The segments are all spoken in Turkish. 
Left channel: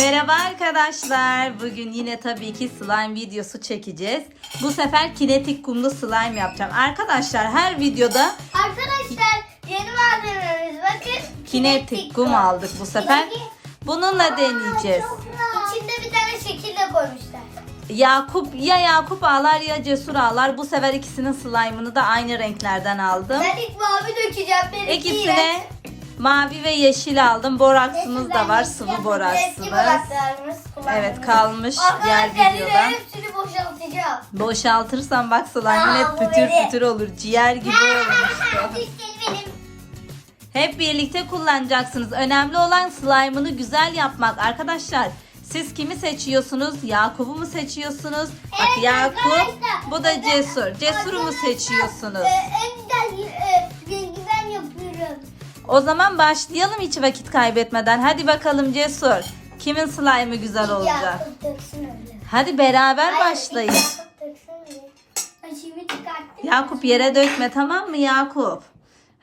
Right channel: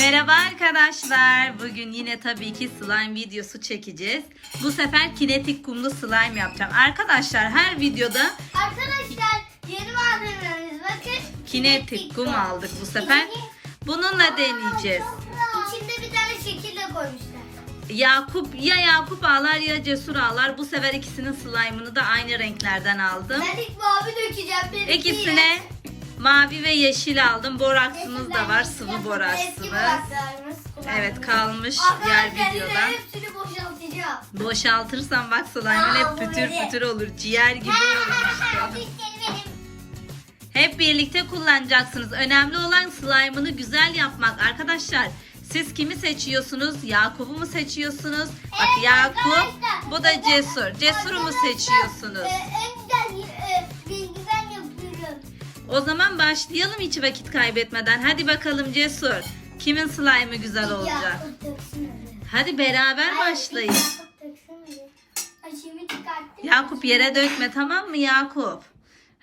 Merhaba arkadaşlar. Bugün yine tabii ki slime videosu çekeceğiz. Bu sefer kinetik kumlu slime yapacağım. Arkadaşlar her videoda Arkadaşlar yeni malzememiz bakın. kinetik kum aldık bu sefer. Bununla deneyeceğiz. İçinde bir tane şekil de koymuşlar. Yakup ya Yakup ağlar ya Cesur ağlar. Bu sefer ikisinin slime'ını da aynı renklerden aldım. Ben ilk mavi dökeceğim. benimki İkisine mavi ve yeşil aldım. Boraksımız da var. Sıvı boraksımız. Evet kalmış diğer Arkadaşlar videoda. hepsini boşaltacağım. Boşaltırsan bak slime'ın Aa, hep bu pütür pütür olur. Ciğer gibi olur. Hep birlikte kullanacaksınız. Önemli olan slime'ını güzel yapmak. Arkadaşlar siz kimi seçiyorsunuz? Yakup'u mu seçiyorsunuz? Bak Evet Yakup, arkadaşlar. bu da Cesur. Cesur'u mu seçiyorsunuz? e, en güzel e. O zaman başlayalım hiç vakit kaybetmeden. Hadi bakalım Cesur. Kimin slime'ı güzel olacak? Hadi beraber başlayın. Yakup. Ay yere dökme tamam mı Yakup?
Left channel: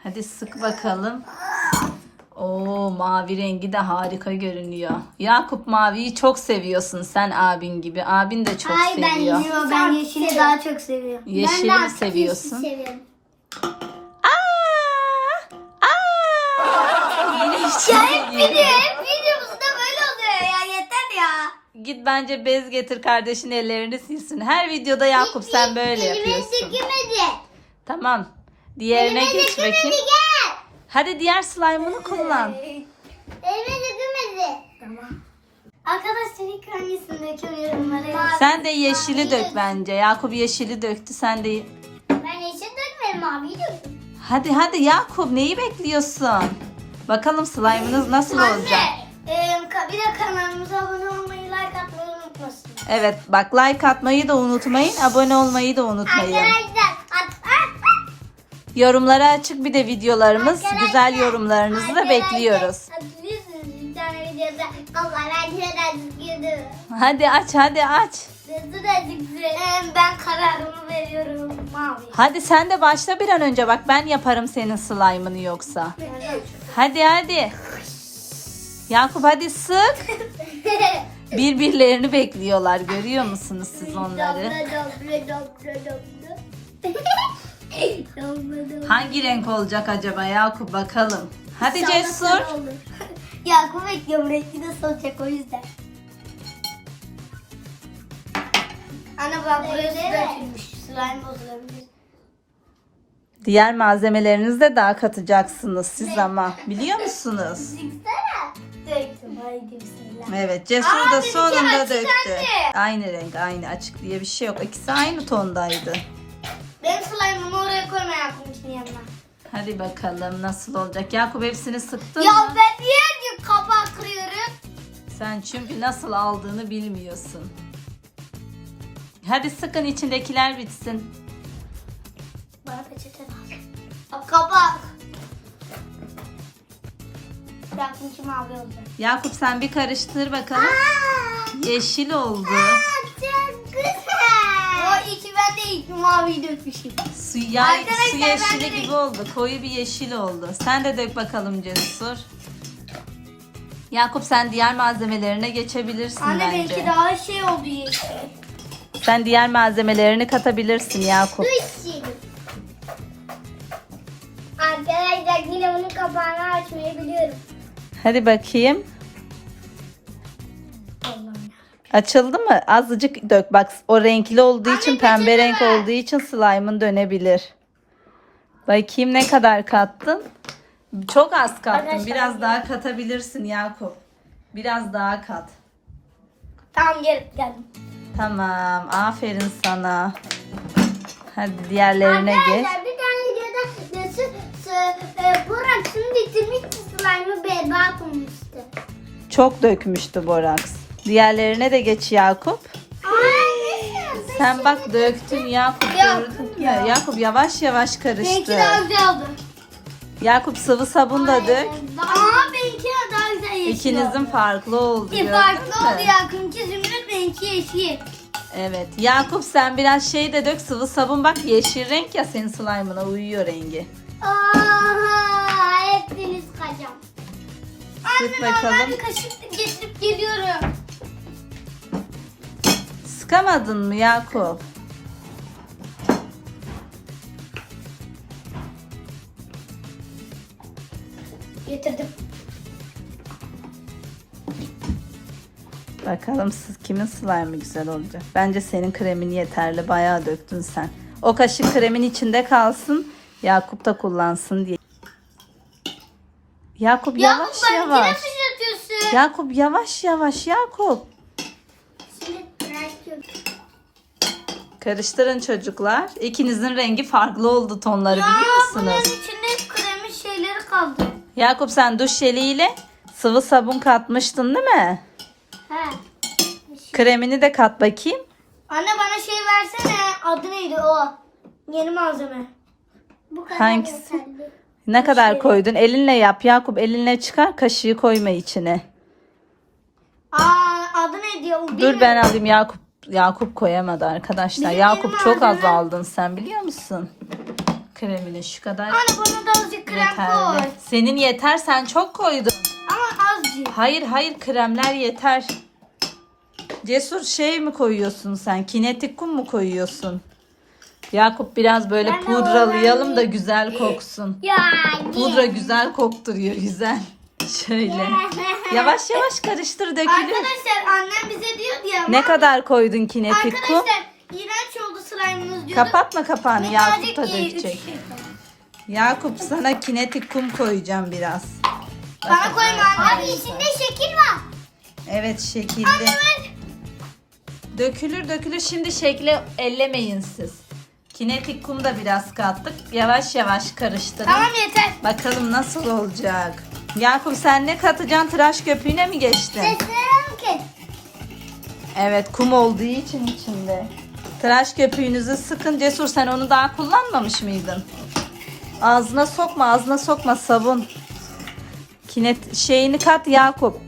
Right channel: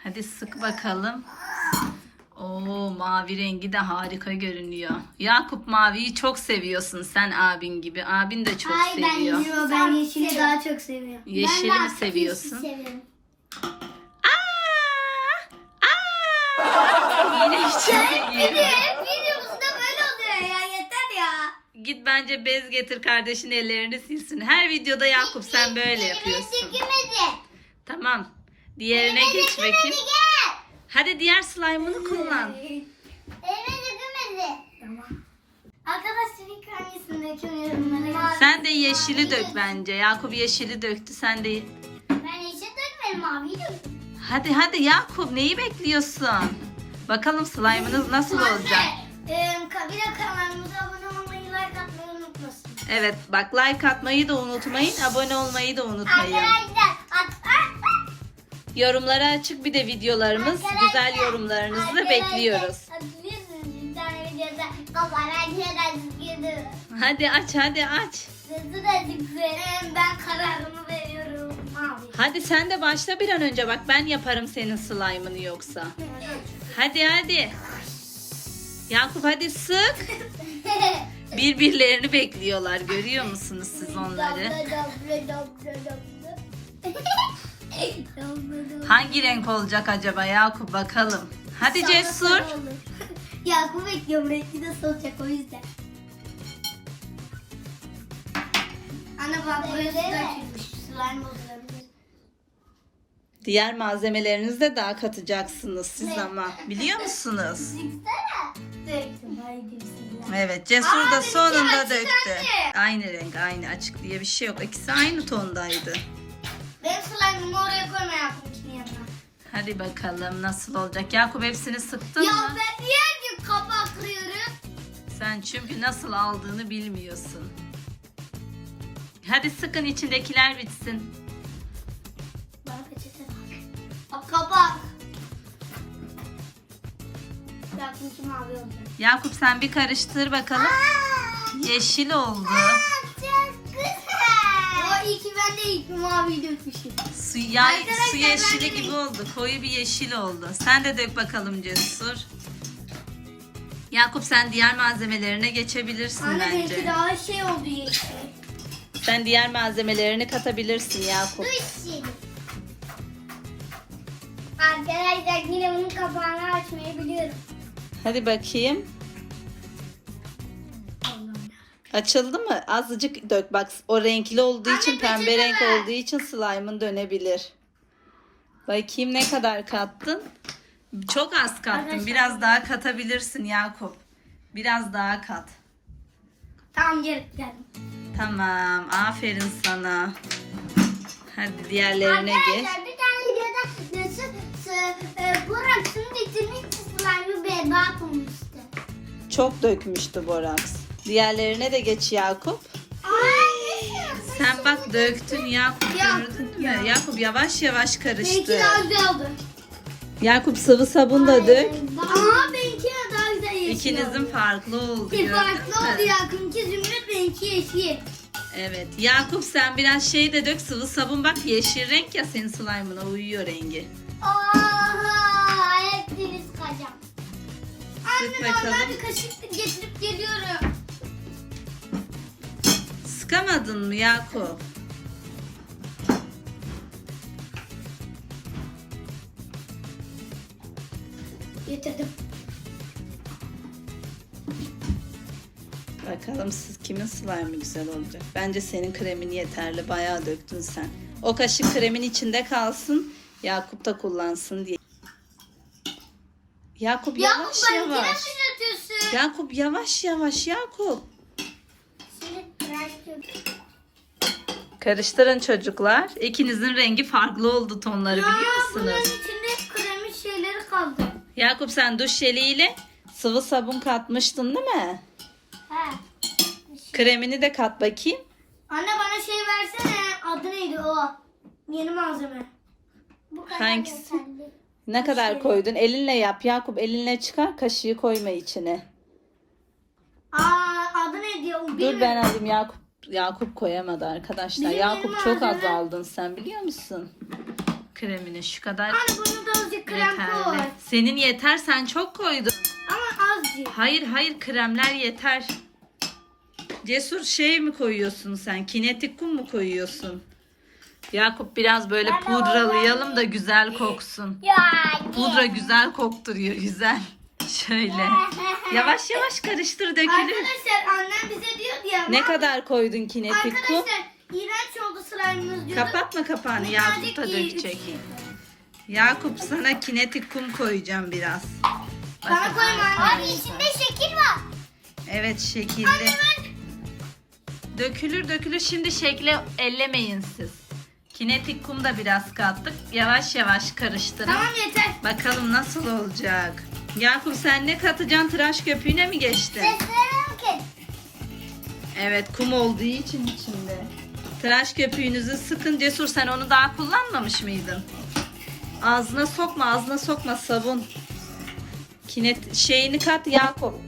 Hadi sık bakalım. Oo mavi rengi de harika görünüyor. Yakup maviyi çok seviyorsun sen abin gibi. Abin de çok Ay ben seviyor. yeşili, ben yeşili daha çok seviyorum. Yeşili ben daha seviyorsun? seviyorum. Hiç Hep videomuzda böyle oluyor ya yeter ya. Git bence bez getir kardeşin ellerini silsin. Her videoda Yakup sen böyle yapıyorsun. dökülmedi. Tamam. Diğerine Elime geç dökülmedi bakayım. gel. Hadi diğer slime'ını kullan. Elime dökülmedi. Tamam. Arkadaşlar ilk hangisini döküyorum Sen de yeşili dök bence. Yakup yeşili döktü. Sen de Ben yeşil dökmedim maviyi döktüm. Hadi hadi Yakup neyi bekliyorsun? Bakalım slime'ınız nasıl olacak? Anne, bir de kanalımıza abone olmayı, like atmayı unutmasın. Evet bak like atmayı da unutmayın. Abone olmayı da unutmayın. Arkadaşlar at, at, at. Yorumlara açık bir de videolarımız. Arkadaşlar, Güzel yorumlarınızı da bekliyoruz. Hadi aç hadi aç. Ben kararımı veriyorum. Hadi sen de başla bir an önce. Bak ben yaparım senin slime'ını yoksa. Hadi hadi. Yakup hadi sık. Birbirlerini bekliyorlar. Görüyor musunuz siz onları? Hangi renk olacak acaba Yakup bakalım. Hadi Cesur. Yakup bekliyorum. Renkli de solacak o yüzden. Ana bak burası dökülmüş. Slime bozulabilir. Diğer malzemelerinizi de daha katacaksınız siz ama. Biliyor musunuz? Çıksana. Döktüm. Haydi bismillah. Evet Cesur Aa, da benimki sonunda açık döktü. anne. Aynı renk aynı açık diye bir şey yok. İkisi aynı tondaydı. Ben slime'ımı oraya koyma yapmışım yanına. Hadi bakalım nasıl olacak. Yakup hepsini sıktın Ya mı? ben niye kapağı kırıyorum? Sen çünkü nasıl aldığını bilmiyorsun. Hadi sıkın içindekiler bitsin. Bana peçete ver. Bak kapak. Yakmışım mavi olacak. Yakup sen bir karıştır bakalım. Yeşil oldu. O iyi ki ben de ilk maviyi dökmüşüm. Su, ya, Arkadaşlar, su ben yeşili de- gibi oldu. Koyu bir yeşil oldu. Sen de dök bakalım Cesur. Yakup sen diğer malzemelerine geçebilirsin Anne bence. belki daha şey oldu yeşil. Sen diğer malzemelerini katabilirsin Yakup. Su içelim. Arkadaşlar yine onun kapağını açmayı biliyorum. Hadi bakayım. Açıldı mı? Azıcık dök. Bak o renkli olduğu Anne, için pembe renk ver. olduğu için slime'ın dönebilir. Bakayım ne kadar kattın? Çok az kattın. Arkadaşlar- Biraz daha katabilirsin Yakup. Biraz daha kat. Tamam gel geldim. Tamam. Aferin sana. Hadi diğerlerine geç. Arkadaşlar bir tane videoda nasıl e, Burak'ın bitirmiş slime'ı berbat olmuştu. Çok dökmüştü Boraks. Diğerlerine de geç Yakup. Sen bak döktün Yakup Yok, gördün mü? yok. Yakup yavaş yavaş Benimki karıştır. daha güzel oldu. Yakup sıvı sabun da dök. Ama benimki daha güzel yeşil İkinizin farklı oldu. Bir gördün farklı oldu Yakup'unki zümrüt benimki yeşil. Evet. Yakup sen biraz şey de dök sıvı sabun bak yeşil renk ya senin slime'ına uyuyor rengi. Aa, hepsini sıkacağım. Sık Anne ben bakalım. bir kaşık getirip geliyorum. Sıkamadın mı Yakup? Getirdim. Bakalım siz kimin slime'ı güzel olacak. Bence senin kremin yeterli. Bayağı döktün sen. O kaşık kremin içinde kalsın. Yakup da kullansın diye. Yakup Ya yavaş ben yine yavaş. fırlatıyorsun. Yakup yavaş yavaş Yakup. Şimdi bırakıyorum. Karıştırın çocuklar. İkinizin rengi farklı oldu tonları biliyor bunun musunuz? içinde kremin şeyleri kaldı. Yakup sen duş jeliyle sıvı sabun katmıştın değil mi? He. Kremini de kat bakayım. Anne bana şey versene. Adı neydi o? Yeni malzeme. Bu kadar Hangisi? yeterli. Ne kadar Şey- koydun? Elinle yap Yakup. Elinle çıkar. Kaşığı koyma içine. Aa adı neydi ya? O Dur bilmiyorum. ben alayım Yakup. Yakup koyamadı arkadaşlar. Bizim Yakup çok az aldın sen biliyor musun? Kremini şu kadar Anne bunu da azıcık krem koy. yeterli. Senin yeter sen çok koydun. Hayır hayır kremler yeter. Cesur şey mi koyuyorsun sen? Kinetik kum mu koyuyorsun? Yakup biraz böyle Ben pudralayalım da güzel koksun. Ya. Pudra güzel kokturuyor güzel. Şöyle. Yavaş yavaş karıştır dökülür. Arkadaşlar annem bize diyordu ya. Ne kadar koydun kinetik kum? Arkadaşlar iğrenç oldu slime'ımız diyordu. Kapatma kapağını Yakup da dökecek. şey. Yakup sana kinetik kum koyacağım biraz. Bana koyma. Abi içinde şekil var. Evet şekilde. Dökülür dökülür şimdi şekli ellemeyin siz. Kinetik kum da biraz kattık. Yavaş yavaş karıştırın. Tamam yeter. Bakalım nasıl olacak. Yakup sen ne katacaksın? Tıraş köpüğüne mi geçtin? Seslerim ki. Evet kum olduğu için içinde. Tıraş köpüğünüzü sıkın. Cesur sen onu daha kullanmamış mıydın? Ağzına sokma ağzına sokma sabun. Kinet şeyini kat Yakup.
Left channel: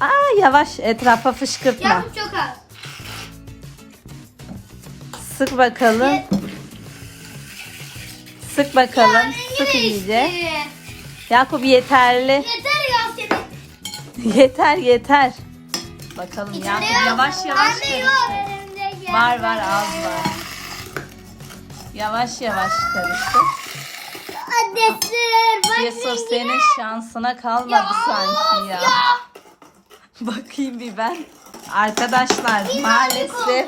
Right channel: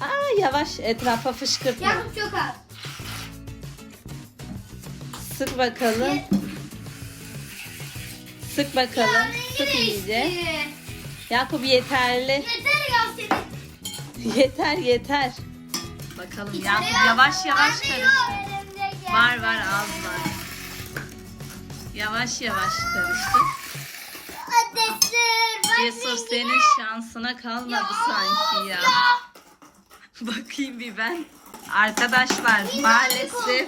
Aa yavaş etrafa fışkırtma. Yakup çok az. Sık bakalım. Ye- Sık bakalım. Ya, Sık iyice. Yakup yeterli. Yeter ya senin. Yeter yeter. Bakalım İçinde Yakup yavaş yavaş karıştır. Var var az var. Yavaş yavaş karıştır. Cesur rengi senin şansına kalmadı sanki ya. ya. Bakayım bir ben. Arkadaşlar maalesef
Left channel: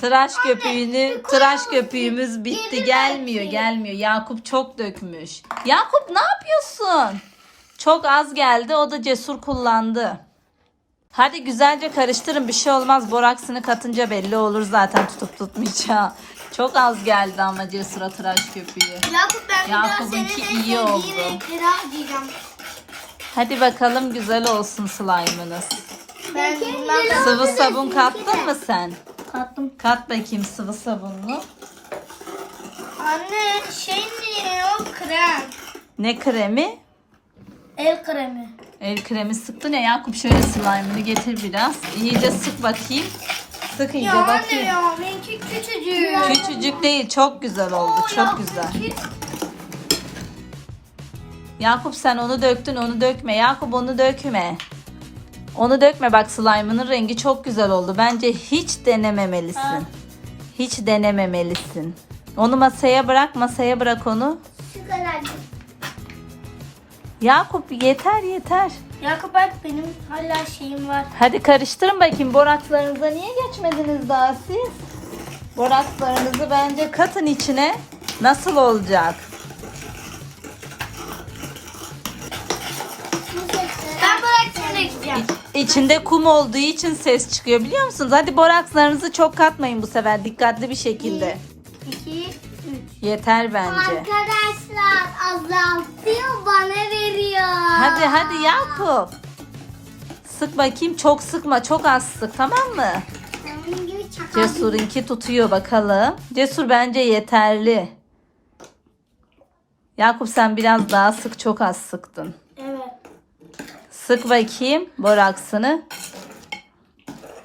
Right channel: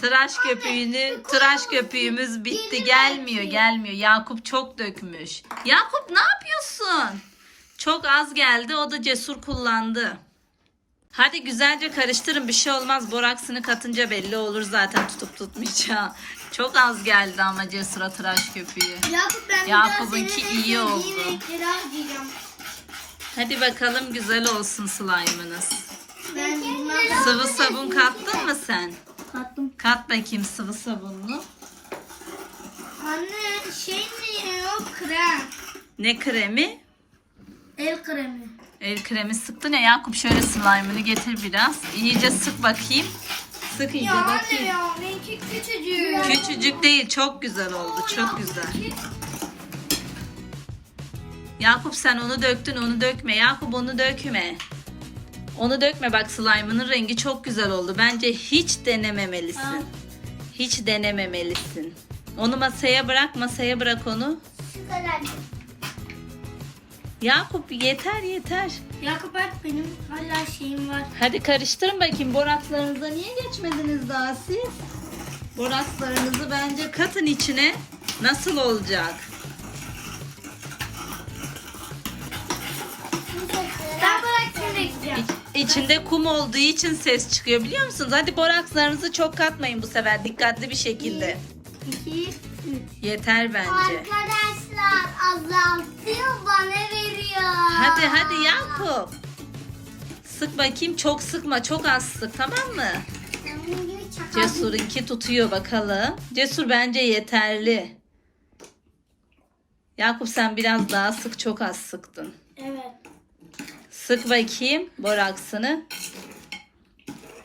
tıraş köpüğünü tıraş köpüğümüz bitti gelmiyor gelmiyor. Yakup çok dökmüş. Yakup ne yapıyorsun? Çok az geldi o da cesur kullandı. Hadi güzelce karıştırın bir şey olmaz. Boraksını katınca belli olur zaten tutup tutmayacağı. Çok az geldi ama cesura tıraş köpüğü. Yakup ben Yakup'unki iyi oldu. Hadi bakalım güzel olsun slime'ınız. Ben. Sıvı sabun kattın mı sen? Kattım. Kat bakayım sıvı sabunlu. Anne şey mi o krem? Ne kremi? El kremi. El kremi sıktın ya Yakup şöyle slime'ını getir biraz. İyice sık bakayım. Sık iyice Ya anne bakayım. ya benimki küçücük. Küçücük değil çok güzel oldu çok güzel. Yakup sen onu döktün onu dökme. Yakup onu dökme. Onu dökme bak slime'ının rengi çok güzel oldu. Bence hiç denememelisin. Ha. Hiç denememelisin. Onu masaya bırak masaya bırak onu. Şu kadar. Yakup yeter yeter. Yakup bak benim hala şeyim var. Hadi karıştırın bakayım borakslarınıza niye geçmediniz daha siz? Borakslarınızı bence katın içine. Nasıl olacak? Ben. İçinde kum olduğu için ses çıkıyor biliyor musunuz? Hadi borakslarınızı çok katmayın bu sefer dikkatli bir şekilde. 2, 3. Yeter bence. Arkadaşlar azaltıyor bana veriyor. Hadi hadi Yakup. Sık bakayım çok sıkma çok az sık tamam mı? Senin gibi çakal. Cesur'unki tutuyor bakalım. Cesur bence yeterli. Yakup sen biraz daha sık çok az sıktın. Evet. Sık bakayım boraksını.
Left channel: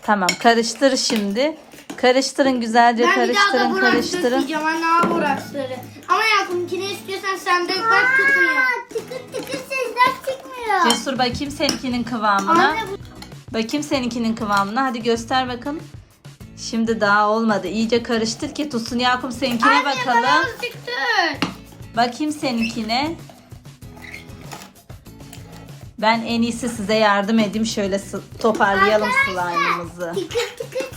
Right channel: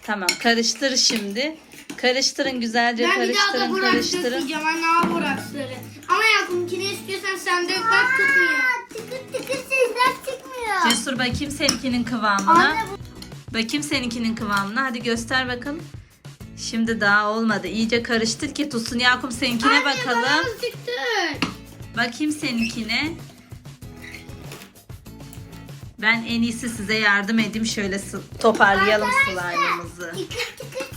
Tamam karıştır şimdi. Karıştırın güzelce Ben bir daha da karıştırın Burak karıştırın. dökeceğim. Anne Burak'ları. Ama Yakup'unkini istiyorsan sen dök bak tutmuyor. Tıkır tıkır sesler çıkmıyor. Cesur bakayım seninkinin kıvamına. Anne bu Bakayım seninkinin kıvamına. Hadi göster bakalım. Şimdi daha olmadı. İyice karıştır ki tutsun. Yakup seninkine bakalım. Çıktı. Bakayım seninkine. Ben en iyisi size yardım edeyim. Şöyle toparlayalım slime'ımızı. Tıkır tıkır.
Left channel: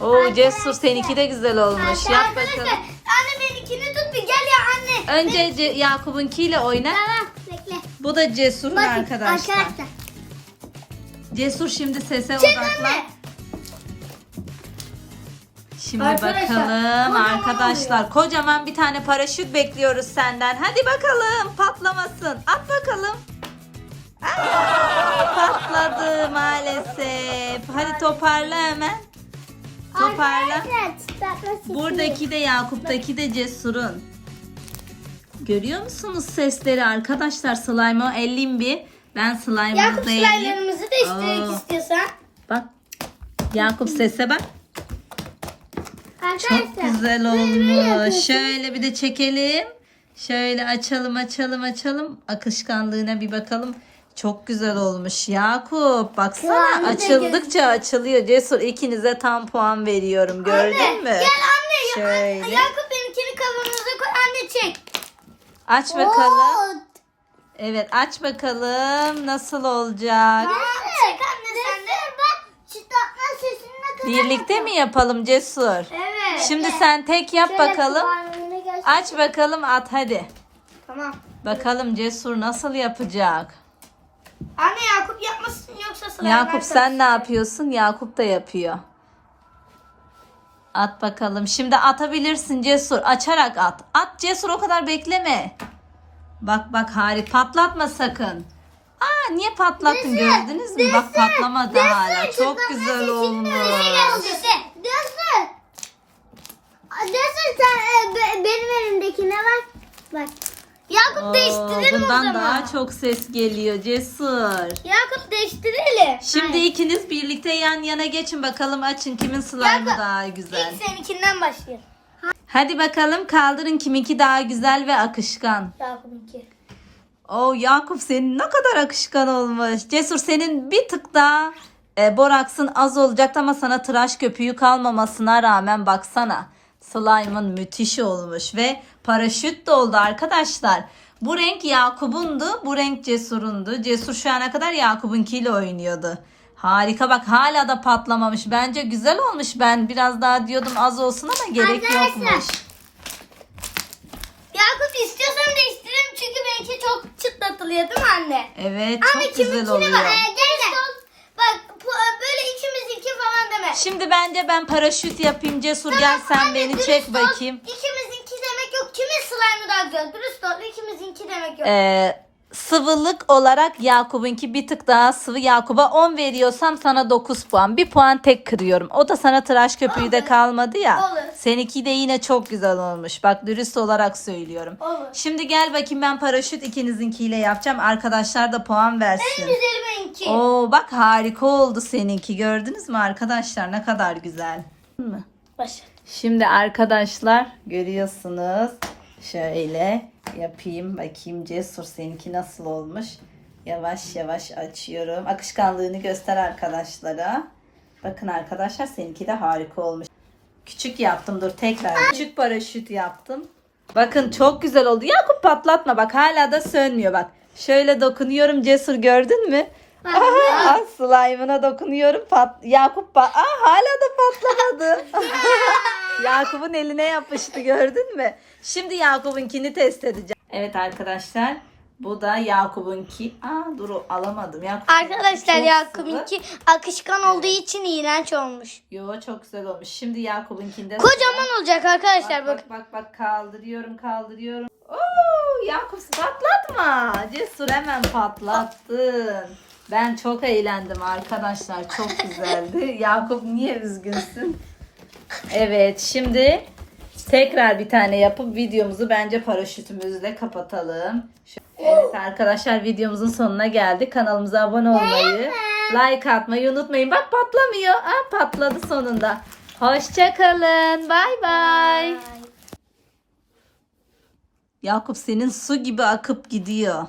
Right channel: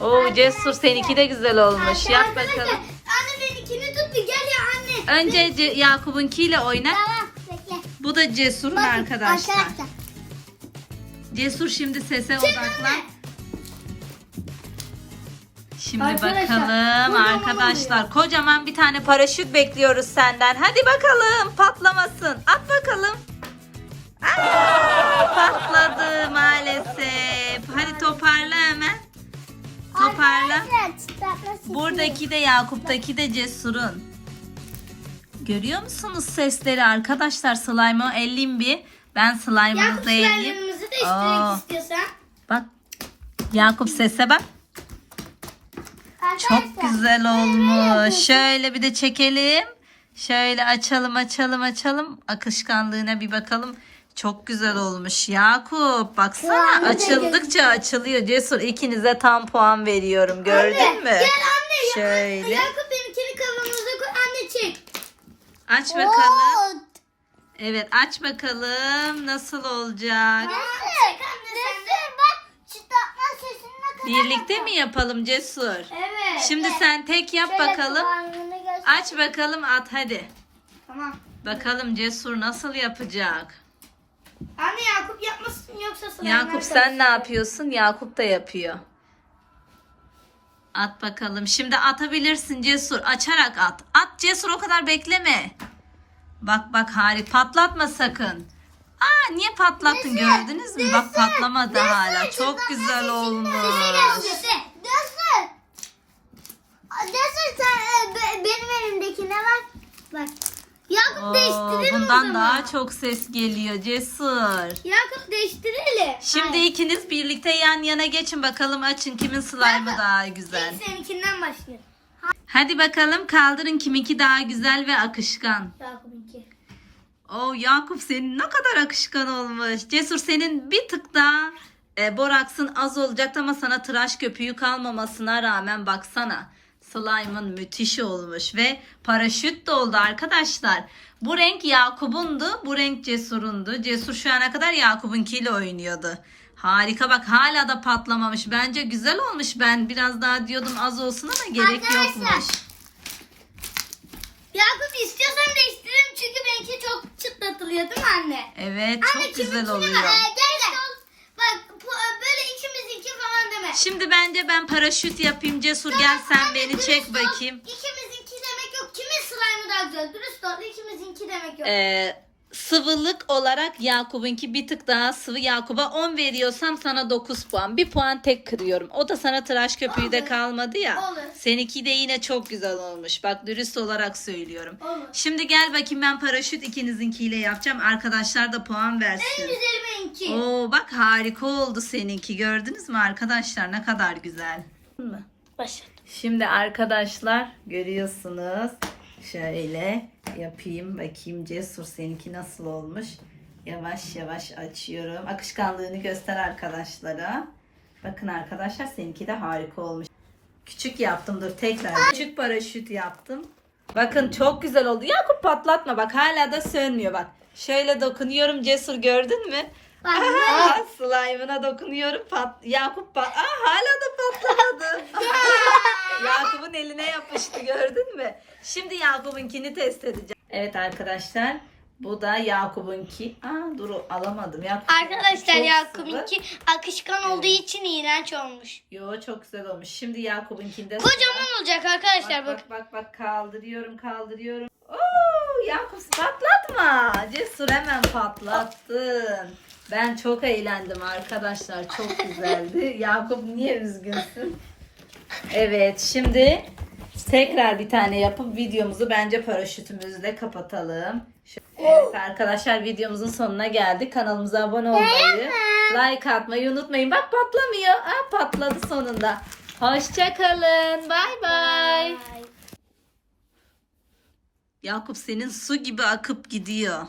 Oo Cesur seninki de güzel olmuş. Yap bakalım. Anne benimkini tut bir gel ya anne. Önce Ce- Yakup'unkiyle oyna. Tamam bekle. Bu da Cesur'un Bakın, arkadaşlar. arkadaşlar. Cesur şimdi sese odaklan. Şimdi Arkadaşlar, bakalım kocaman arkadaşlar. Kocaman bir tane paraşüt bekliyoruz senden. Hadi bakalım patlamasın. At bakalım. Aa, patladı maalesef. Hadi toparla hemen. Toparla. Buradaki de Yakup'taki de Cesur'un. Görüyor musunuz sesleri arkadaşlar? Slime'ı elleyeyim bir. Ben Yakup elleyeyim. slime'larımızı Aa. değiştirmek istiyorsan. Bak. Yakup sese bak. Çok Arkadaşlar, güzel böyle böyle olmuş. Şöyle bir de çekelim. Şöyle açalım açalım açalım. Akışkanlığına bir bakalım. Çok güzel olmuş Yakup. Baksana da açıldıkça açılıyor. Cesur ikinize tam puan veriyorum. Gördün Anne, mü? Gel anne. Şöyle. Yakup benimkini kavanoza koy anne çek. Aç bakalım. Oo, Evet aç bakalım nasıl olacak. Anne çek anne sen de. Bak çıtlatma sesini ne kadar Birlikte mi yapalım Cesur? Evet. Şimdi sen tek yap Şöyle bakalım. Aç bakalım at hadi. Tamam. Bakalım Cesur nasıl yapacak? Anne Yakup yapmasın yoksa sana. Yakup sen ne yapıyorsun? Yakup da yapıyor. At bakalım. Şimdi atabilirsin Cesur. Açarak at. At Cesur o kadar bekleme. Bak bak Hari patlatma sakın. Aa niye patlattın gördünüz mü? Bak patlamadı hala. Çok güzel olmuş. Göster. Göster sen e, be- benim elimdekine bak. Bak. Yakup Oo, değiştirelim o bundan zaman. daha çok ses geliyor Cesur. Yakup değiştirelim. Şimdi ikiniz birlikte yan yana geçin bakalım açın kimin slime'ı daha güzel. İlk seninkinden başlayalım. Hadi bakalım kaldırın kiminki daha güzel ve akışkan. Yakup'unki. Oo Yakup senin ne kadar akışkan olmuş. Cesur senin bir tık daha e, boraksın az olacaktı ama sana tıraş köpüğü kalmamasına rağmen baksana. Slime'ın müthiş olmuş ve paraşüt de oldu arkadaşlar. Bu renk Yakup'undu, bu renk Cesur'undu. Cesur şu ana kadar Yakup'unkiyle oynuyordu. Harika bak hala da patlamamış. Bence güzel olmuş. Ben biraz daha diyordum az olsun ama gerek Arkadaşlar, yokmuş. Yakup istiyorsan değiştirelim çünkü benimki çok çıtlatılıyor değil mi anne? Evet Anne çok güzel kiminkine oluyor. Bak, Ee, gel Bak bu- böyle deme. Şimdi bence ben paraşüt yapayım Cesur gel sen beni çek bakayım. İkimizinki demek yok. Kimin slime'ı daha güzel? Dürüst ol. İkimizinki demek yok. Ee, sıvılık olarak Yakup'unki bir tık daha sıvı. Yakup'a 10 veriyorsam sana 9 puan. Bir puan tek kırıyorum. O da sana tıraş köpüğü de Olur. kalmadı ya. Olur. Seninki de yine çok güzel olmuş. Bak dürüst olarak söylüyorum. Olur. Şimdi gel bakayım ben paraşüt ikinizinkiyle yapacağım. Arkadaşlar da puan versin. En güzeli benimki. Oo bak harika oldu seninki. Gördünüz mü arkadaşlar ne kadar güzel. Başla. Şimdi arkadaşlar görüyorsunuz. Şöyle yapayım bakayım Cesur seninki nasıl olmuş. Yavaş yavaş açıyorum. Akışkanlığını göster arkadaşlara. Bakın arkadaşlar seninki de harika olmuş. Küçük yaptım dur tekrar. Küçük paraşüt yaptım. Bakın çok güzel oldu. Yakup patlatma bak hala da sönmüyor bak. Şöyle dokunuyorum Cesur gördün mü? Aa, slime'ına dokunuyorum. Pat Yakup pat Aa, hala da patlamadı. Yakup'un eline yapıştı gördün mü? Şimdi Yakup'unkini test edeceğim. Evet arkadaşlar. Bu da Yakup'unki. Aa dur alamadım. Yakup Arkadaşlar Yakup'unki akışkan olduğu için iğrenç olmuş. Yo çok güzel olmuş. Şimdi Yakup'unkinde Kocaman olacak arkadaşlar Bak bak. bak bak kaldırıyorum kaldırıyorum. Oo Yakup patlatma. Cesur hemen patlattı. Ben çok eğlendim arkadaşlar. Çok güzeldi. Yakup niye üzgünsün? Evet şimdi tekrar bir tane yapıp videomuzu bence paraşütümüzle kapatalım. Evet arkadaşlar videomuzun sonuna geldik. Kanalımıza abone olmayı, like atmayı unutmayın. Bak patlamıyor. Aa, patladı sonunda. Hoşçakalın. Bay bay. Yakup senin su gibi akıp gidiyor.